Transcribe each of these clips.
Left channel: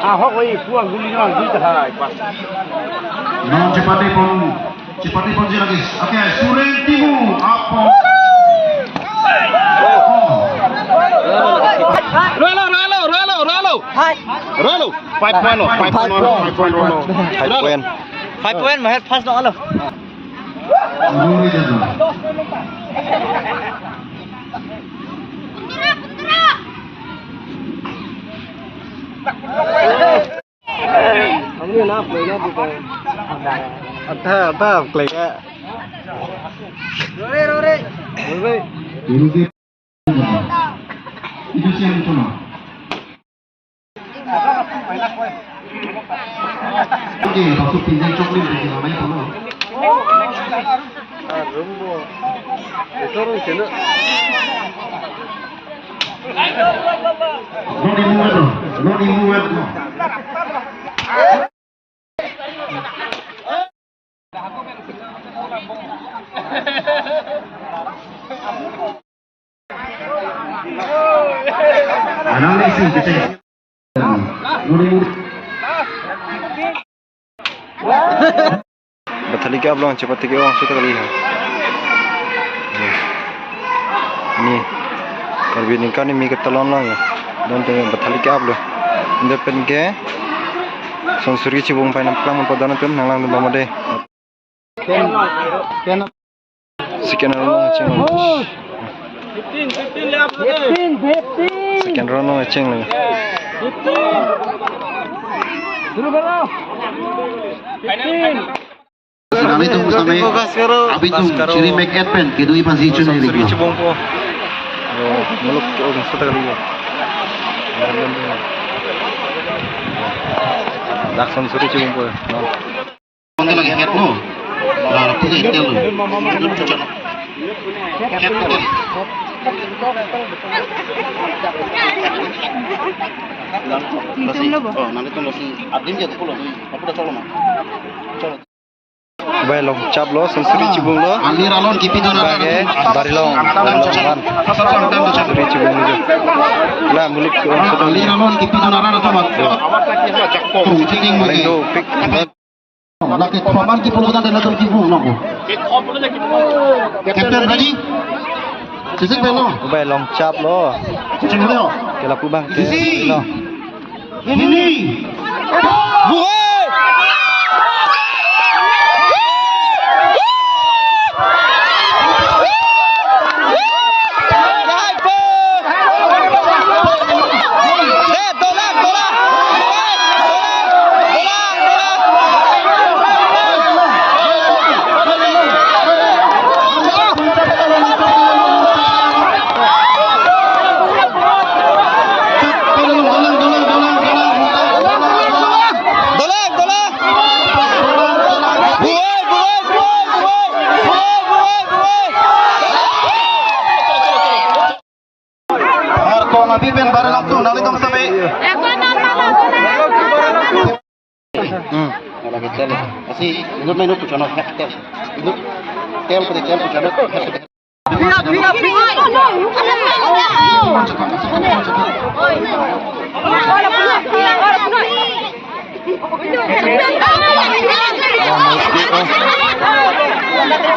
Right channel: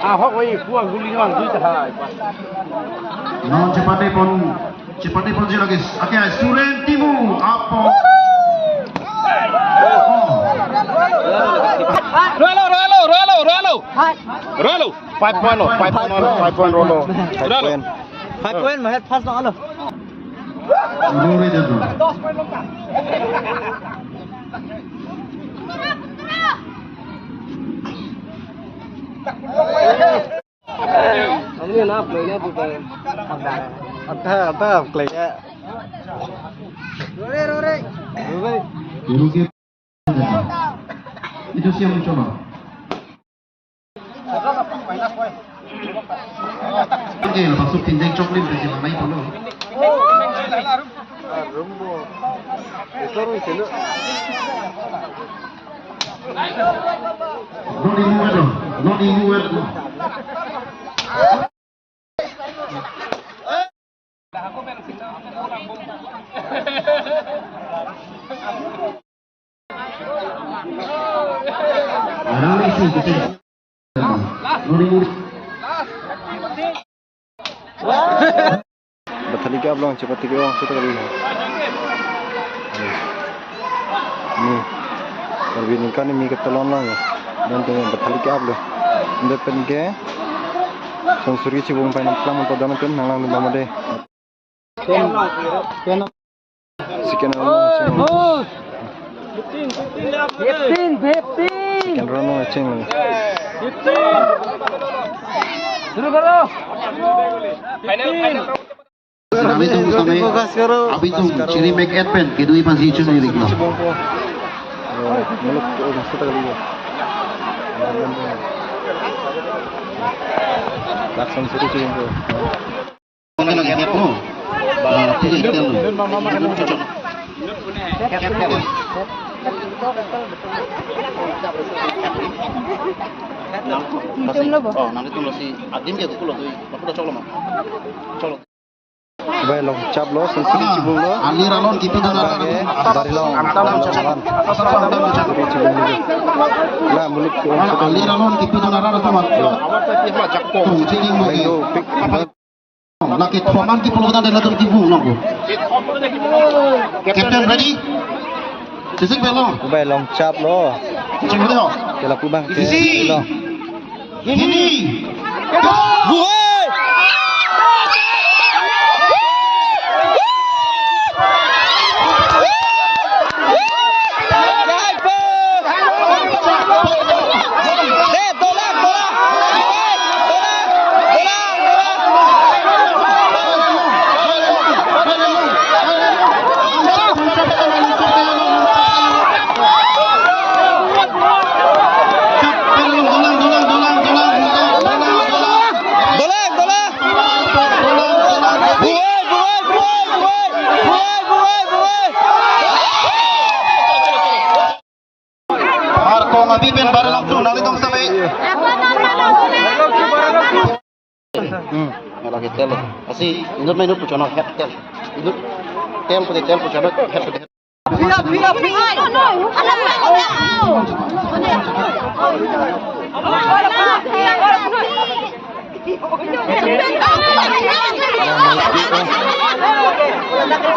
Ahok lagi buang guli orang guli terhai. Cepat pun dia lagi. Okey, Suren Timu apa? Ralo. 5 point mà hết pass đó rồi. Ông như nó play nó bukan. Ada play nya. Rore. Itu siang mencoba. Oke, maksud pinjam coklat bagi mama itu loh. No dimulai. Analisis kecil. Bathali क्या belum cepat tiga orang sudah kali ini. Ni kalau bini kan ni mikir telon lah ya. Dan dengan bathali क्या belum. Depan ke sonsuri cibung pai nampak mana pada nanti nanglang tu bama deh. Sekian orang cing. Sekian orang cing lagi. Suruh kalau. Nanti tunggu sampai abis tu ciri make advent kedua position ni. Sonsuri cibung po. Meluk orang sudah kali ya. Dak sonsuri cibung po. Mana lagi head tu? Pergi tel tu. Nanti tu nasi adim dia tu nasi apa dah colok mah. Baik long cap lo sonsuri cibung lo. Alir alon kipi tu nak. Bagai barilong kan. Sonsuri cibung itu. Lah muluk orang sudah Alir alon kipi tu nak ada tu mak. Tu cing Paling do pick. Laki paman kipi muda dia nak tu kipi nak. Captain ready? Sisik belum? Baik long cap lo. Cing dia. Kela kubang ke lo. Ini. Buai. Lagi tel, asih minut tu cuma head tel, minut tel pada tel tu cuma head tel.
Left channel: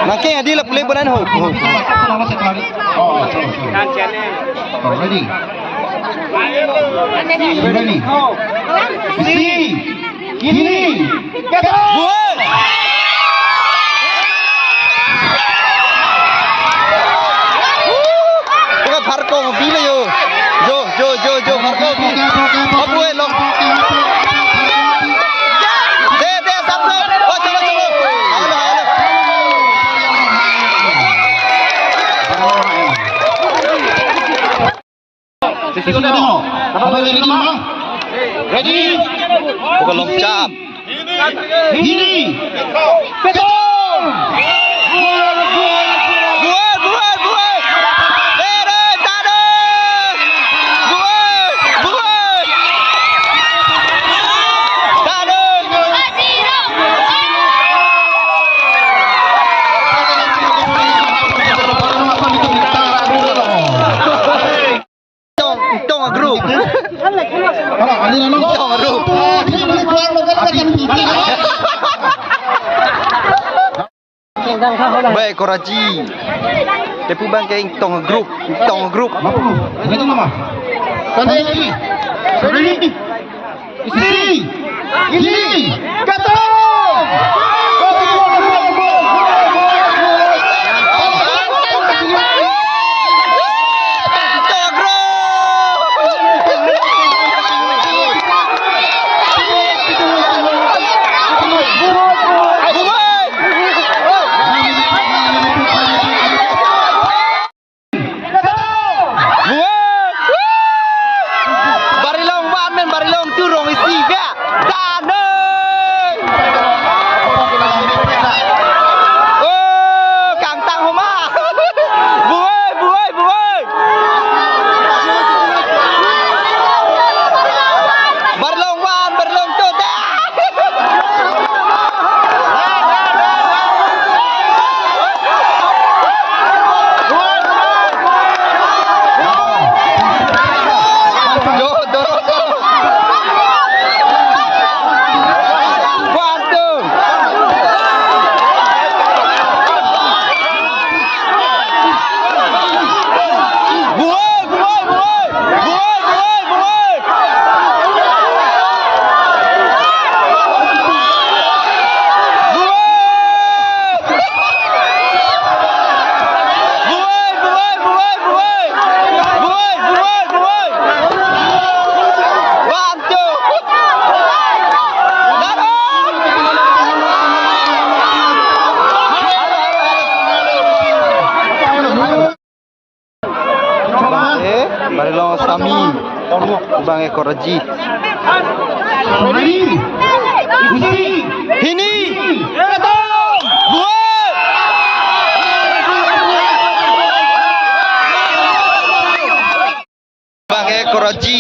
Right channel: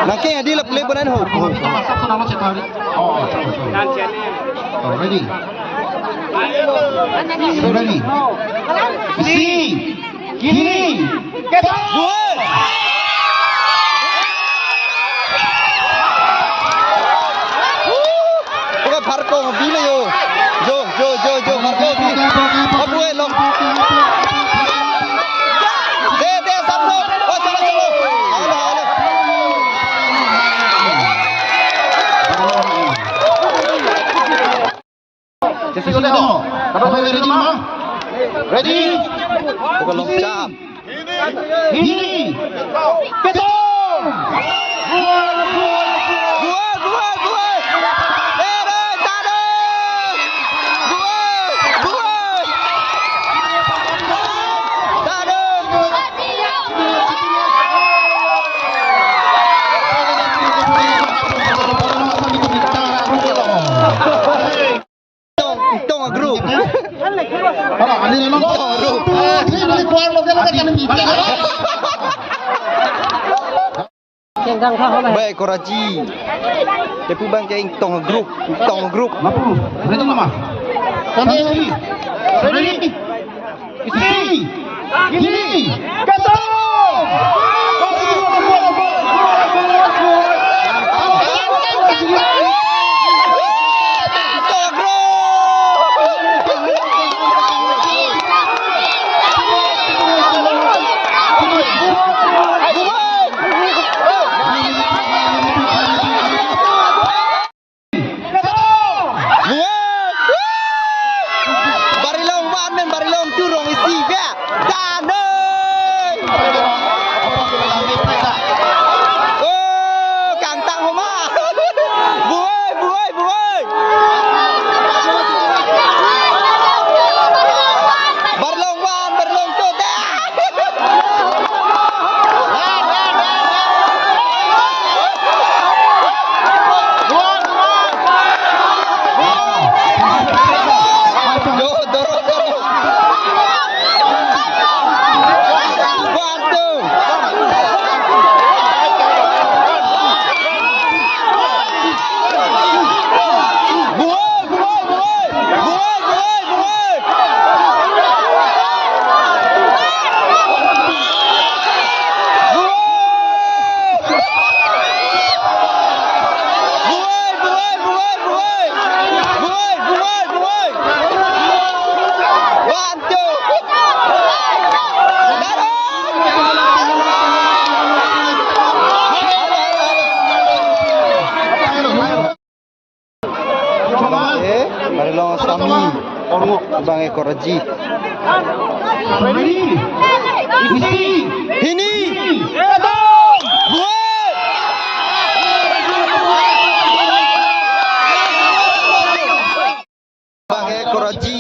Nak yang dia boleh beran ho. Oh, ready. Ready. Isi. Kini. Buat. Bukan Farko mobil yo. Jo Farko mobil. Apa buat long? Deh sablo. Oh chalo. Halo. Sisi ni dah. Apa ready mama? Ready. Bukan long cap. Ini. Betul. Buat. Tada. Buat. Tada. Tong grup. Tong rup. Baik Koraji. Depu bang kayak tong grup. Betul mama. Sana ini. Ini. Kata. Barilong turong isi ya. Tanah. Oh, Kang Tang Homa. Buai. Barilong wan, barilong tu dah. Dorong. Barilong Sami, Bang Ekoraji. Ini, buat. Bang Ekoraji,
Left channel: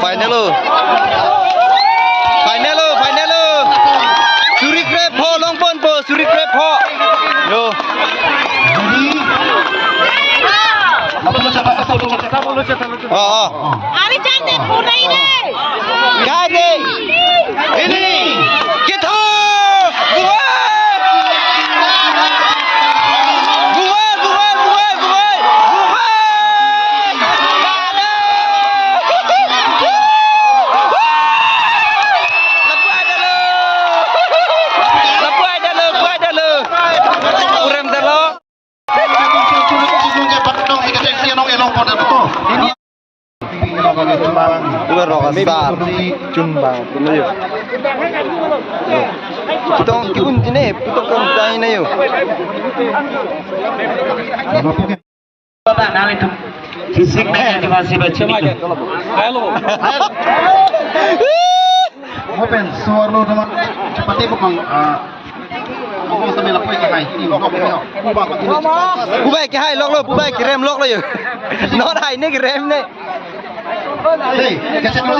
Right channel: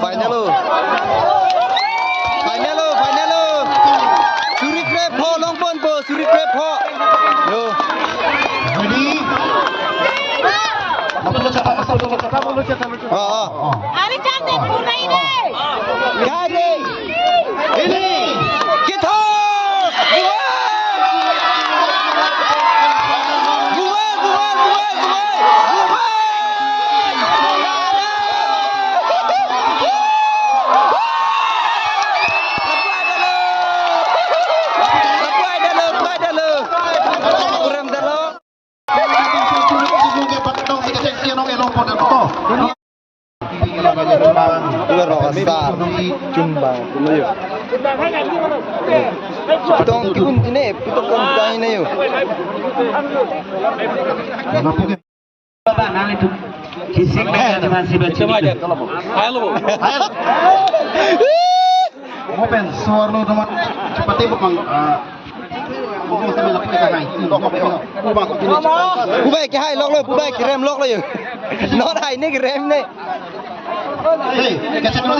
final lo. Suri krep ho long pon po, suri krep ho. Yo. Ari cantik puna ini. Gade. Ini. Kita. Buai. Lepas ada lo. Kurang dah lo. Bukan rokasar, Junbang, tu mayu. Putong kibun ini, putong kemana ini yo? Fisiknya masih baca. Halo. Open, suara lo teman. Cepat bukan. Bubai cái hai lóc luôn, bubai cái rem lóc luôn. Nó này cái rem này. Hei, kacang lo.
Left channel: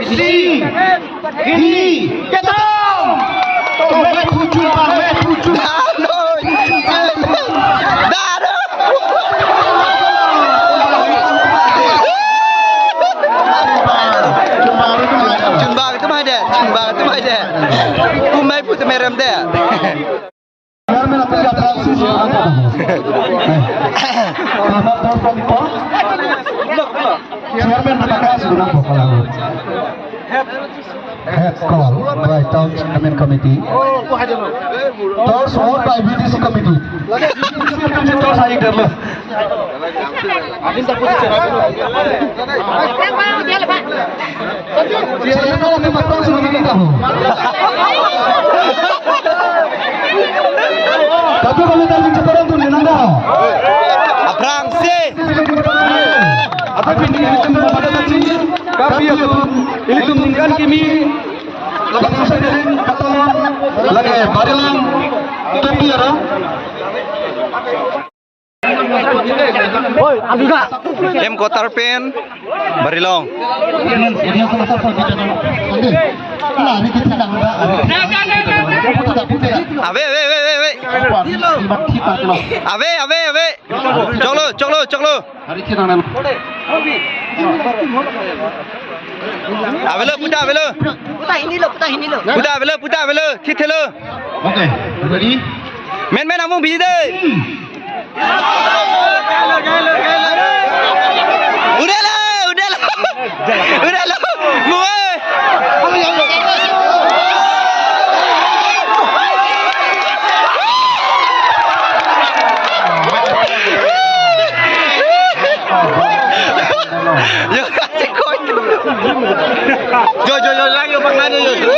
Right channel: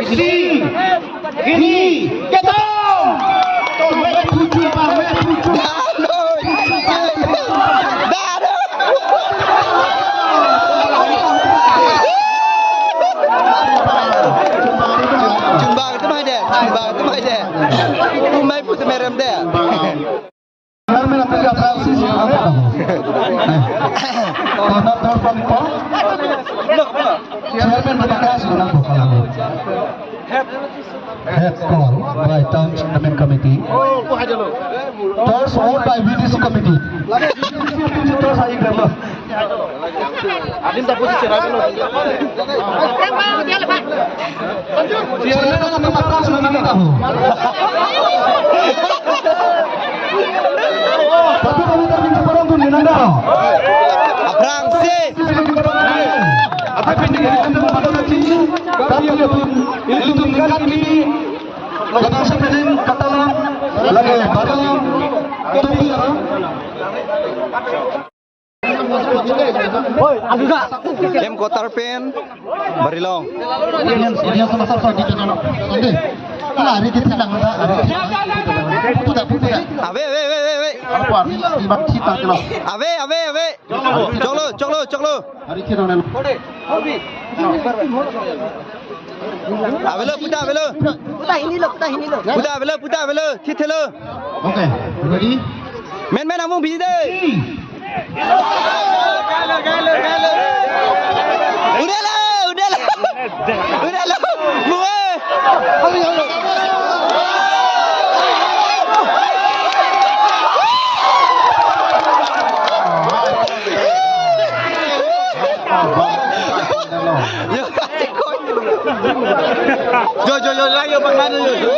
Isi. Kacang. Dah rồi. Dah rồi. Junbang itu mah deh. Umai putih merem deh. Head call by Town Tournament Committee. Toss all by VDC Committee. Abrang sih. Itu tinggal kini langsung dari Katalan lagi Barilong Tamiara. Em Kotar Pen Barilong. Ini sama-sama di channel. Ini kita sedang ada. Ave, ave, ave, ave. Apa? Di bakti tak kena. Ave, ave, ave. Choklo. Hari kita nak. Ave lo, puta ave lo. Putar ini lo. Puta ave lo. Kit lo. Okay, ready? Men amung biji deh. Udah lo. Muai. Yo kasih koi tu. Jo lagi pengen yo.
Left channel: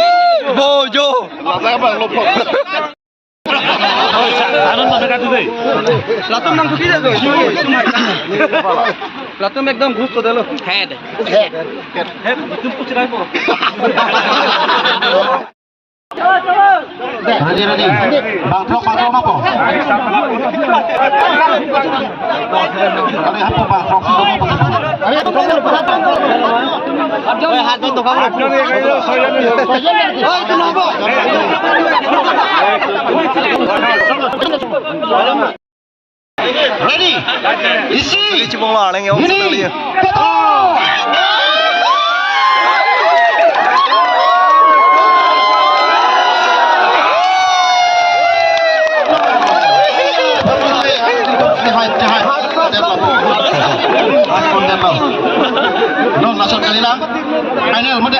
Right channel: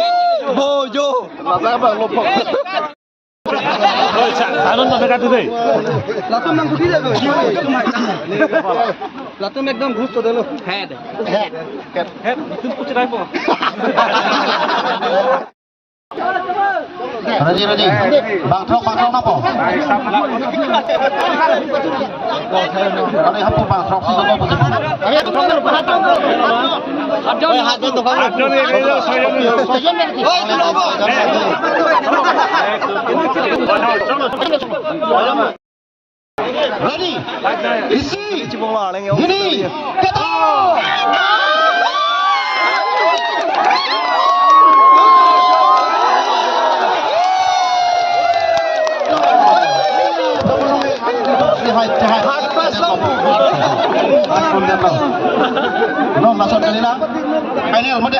Bojo. Lada apa lopok? Latum mang kuki dah tu. Latum एकदम घुस तो दे लो. Head. तुम कुछ नहीं बोल. Ready. Bang Trok apa? Ada apa Bang Trok itu apa? Ada hat tu kamu. Oh, itu apa? Ready. Isi. Ini cibung lah, yang orang sekali. Non langsung kali lang. Final mo di.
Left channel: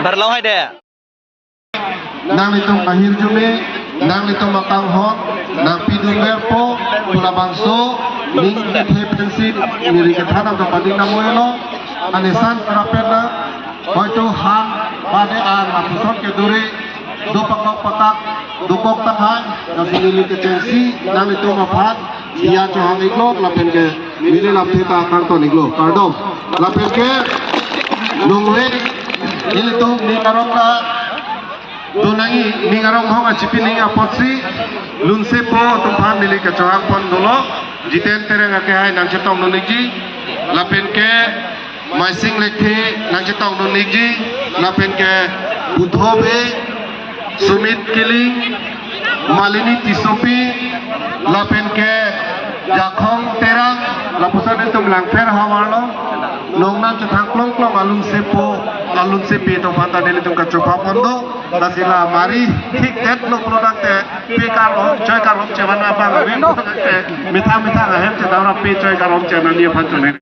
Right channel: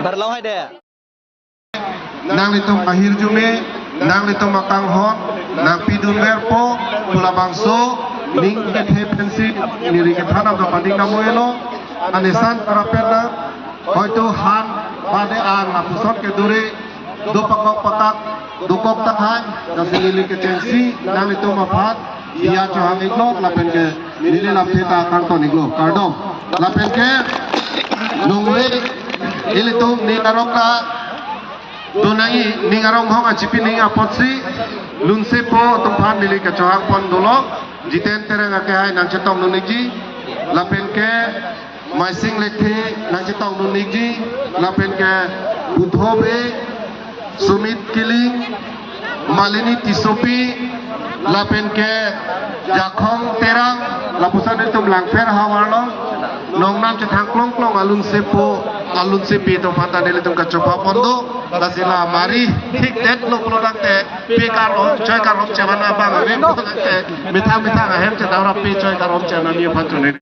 Berlau hai deh. Nang litong akhir jume, nang litong makang hot, nang pidung berpo, tula bangso, ning pensi niri kethana to pading namoylo, anisan parapena, hoito han bade an apusot ke duri, do pakok patak, dukok tahan, nang nili ke pensi, nang litong mapat, iya johang iglo, lapen ke nili lapte ta kang to iglo, kardom, lapen ke nungwe, nili to ni karoka. Donai ningarong hong acipin ni apotsi nunse po tempat nili kecohang pon dulu jiten tereng akai nang cetong nuniji lapen ke maising lekhe nang cetong nuniji lapen ke budhobe sumit kiling malini tisopi lapen ke jakhong terang lapusan itu melangfer hawarno nongnang cetang klong alun sepi to panta nili tum kecohang pondo Dasila mari tiket lo keluar te pikar lo coy karom jangan apa nggak bukan te minta ngahem kita orang pi coy karom jangan dia pancune.